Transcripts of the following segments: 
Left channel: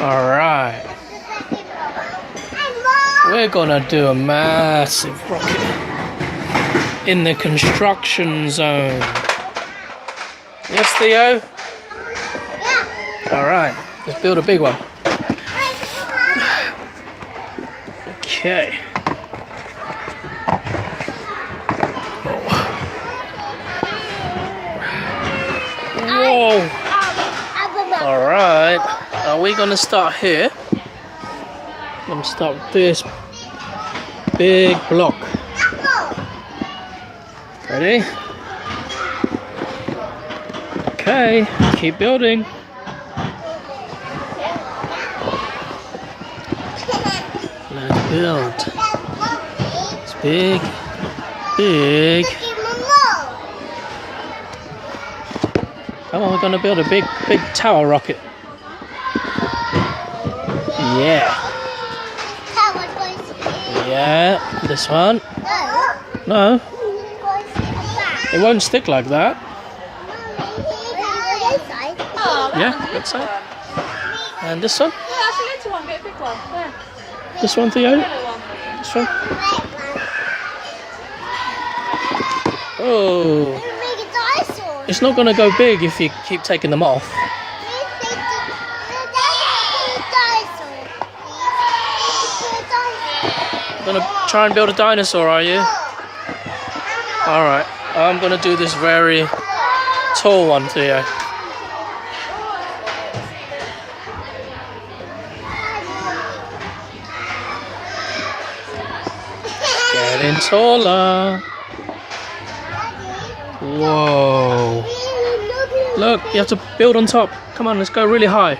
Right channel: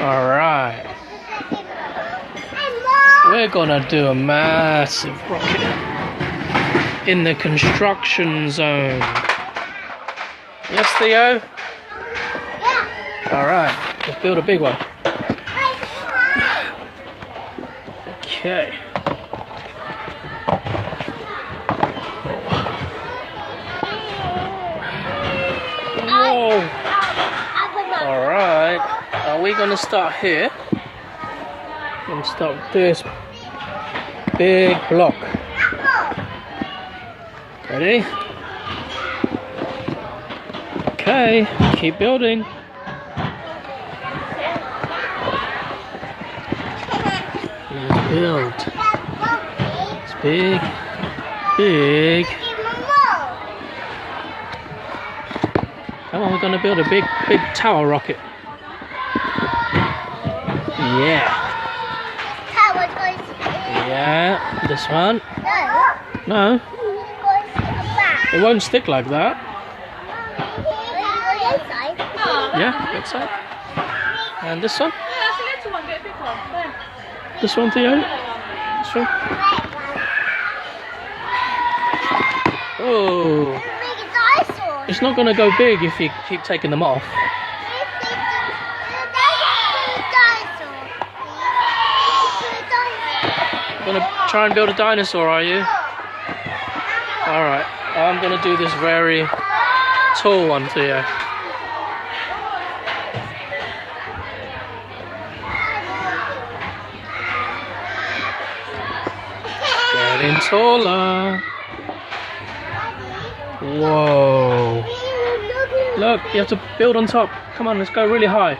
Alright. We're gonna do a massive rocket in the construction zone. Yes, Theo? Alright, let's build a big one. Okay. Whoa! Alright, are we gonna start here? I'm gonna start with this big block. Ready? Okay, keep building. Let's build. It's big, big. Come on, we're gonna build a big tower rocket. Yeah. Yeah, this one. No. It won't stick like that. Yeah, that side. And this one? This one, Theo? This one? Oh. It's not going to go big if you keep taking them off. You're going to try and build a dinosaur, are you? Alright, I'm going to do this very tall one, Theo. Getting taller. Whoa. Look, you have to build on top. Come on, let's go really high.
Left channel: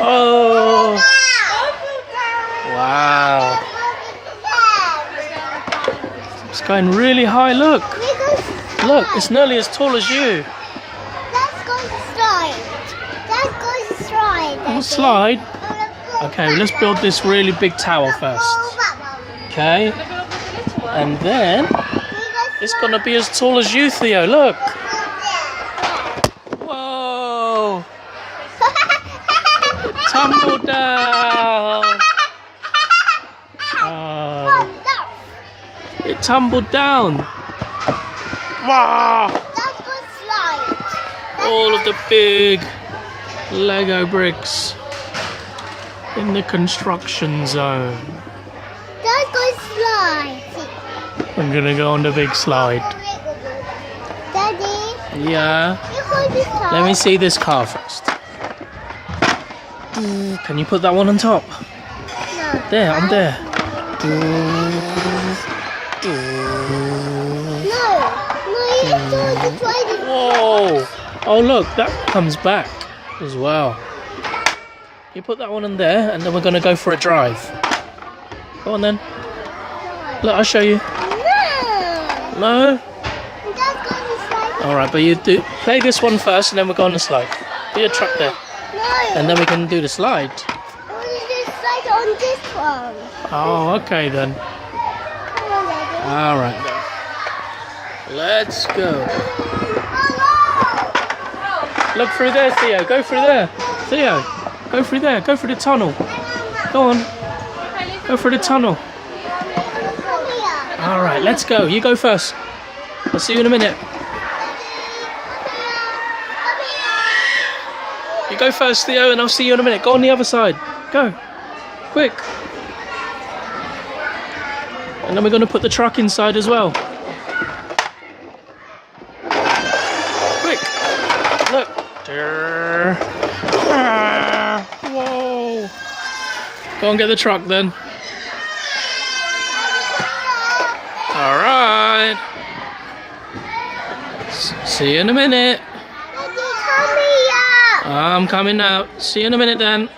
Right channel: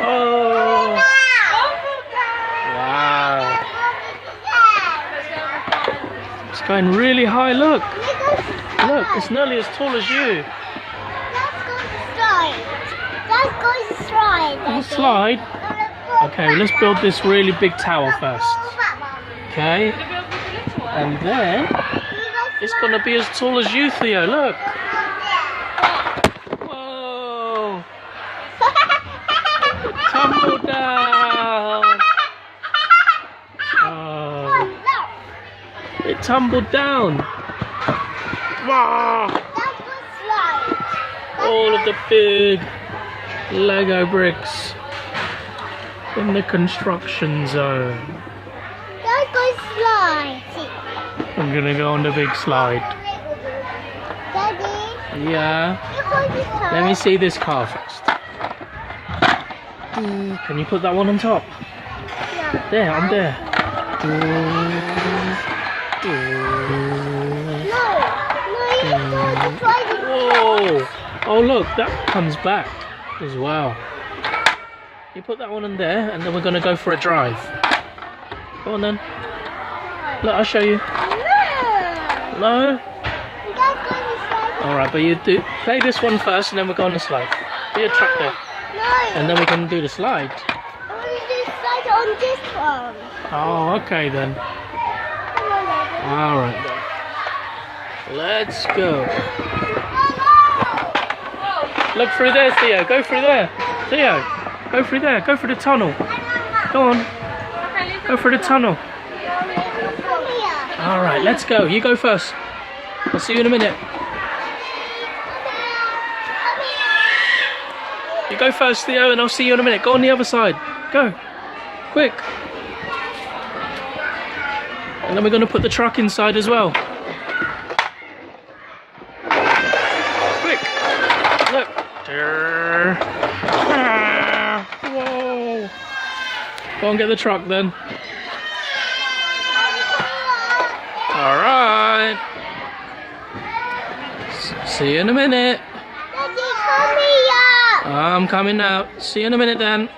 Oh. Wow. It's going really high, look. Look, it's nearly as tall as you. Let's go slide. Let's go slide. Oh, slide? Okay, let's build this really big tower first. Okay. And then it's gonna be as tall as you, Theo. Look. Whoa! Tumble down. Oh. It tumbled down. Wow! All of the big Lego bricks in the construction zone. Let's go slide. I'm gonna go on the big slide. Daddy, Yeah. you hold this car. Let me see this car first. Can you put that one on top? No. There, I'm there. No, you have to try this. Whoa! Oh look, that comes back as well. You put that one in there, and then we're gonna go for a drive. Go on then. Look, I'll show you. No. No? That's going to slide. Alright, but you do play this one first, and then we'll go on the slide. Do your truck there. No. And then we can do the slide. I want to do slide on this one. Oh, okay then. Come on, Daddy. Alright then. Let's go. Look through there, Theo. Go through there. Theo, go through there. Go through the tunnel. Go on. Go through the tunnel. Come here. Alright, let's go. You go first. I'll see you in a minute. You go first, Theo, and I'll see you in a minute. Go on the other side. Go. Quick. And then we're going to put the truck inside as well. Quick. Look. Whoa. Go and get the truck then. Alright. See you in a minute. Daddy, come here. I'm coming now. See you in a minute then.